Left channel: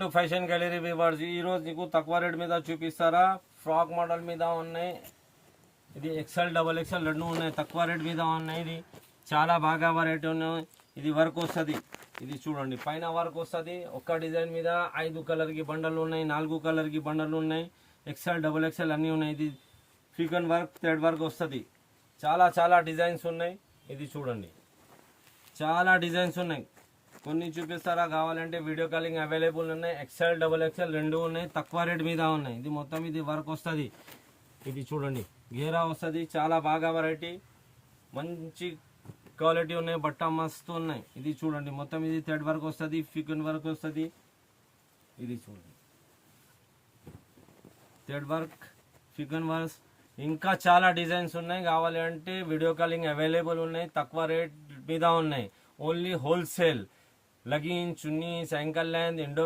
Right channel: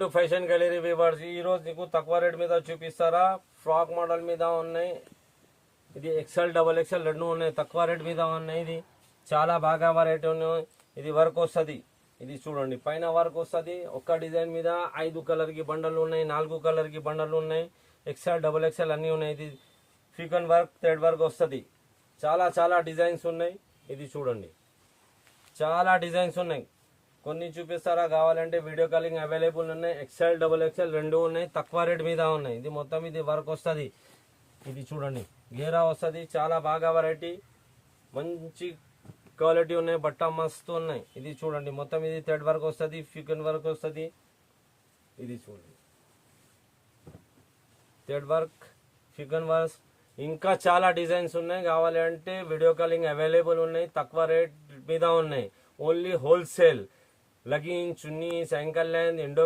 To fashion gallery viewers, ఈ రోజు నీకు తక్కువ రేట్ మీద చూపిస్తారా. ఫ్రాక్ మోడల్ మీద ఉన్నాయి. ఇది ఎక్సెల్ డబల్ ఎక్సెల్ రెండు ఉన్నాయి, తక్కువ రేట్ మీద ఉన్నాయి. ఇది చాలా బాగా వెరైటీ ఉన్నాయి. ఇది వర్క్ వస్తుంది. ఇది చూడండి, పైన వర్క్ వస్తుంది. ఒక్క డిజైన్ మీద 5 కలర్కి బండలు ఉన్నాయి, 4 కలర్కి బండలు ఉన్నాయి. ఎక్సెల్ డబల్ ఎక్సెల్ అన్నీ ఉన్నాయి. ఇది ఫికన్ వర్క్ థ్రెడ్ వర్క్ వస్తుంది. చాలా చాలా డిజైన్స్ ఉన్నాయి. ఇది చూడండి, చాలా డిజైన్స్ ఉన్నాయి. కొన్ని చూపిస్తారా, కావాలంటే వీడియో కాలింగ్ అవైలబుల్ ఉన్నాయి. ఎక్సెల్ డబుల్ ఎక్సెల్ రెండు ఉన్నాయి, తక్కువ రేట్ మీద ఉన్నాయి. ఇది మొత్తం ఇది వర్క్ వస్తుంది. ఇది చూడండి, గేరా వస్తుంది. చాలా బాగా వెరైటీ, మంచి క్వాలిటీ ఉన్నాయి. బట్ట మస్తు ఉన్నాయి. ఇది చూడండి, మొత్తం ఇది థ్రెడ్ వర్క్ వస్తుంది, ఫికన్ వర్క్ వస్తుంది. ఇది చూడండి, థ్రెడ్ వర్క్, ఫికన్ వర్క్, ఇంకా చాలా డిజైన్స్ ఉన్నాయి. కావాలి అంటే వీడియో కాలింగ్ అవైలబుల్ ఉన్నాయి, తక్కువ రేట్ మీద ఉన్నాయి. Only wholesale. లగిన్, చున్నీ, సైంకల్ లైన్, ఎండో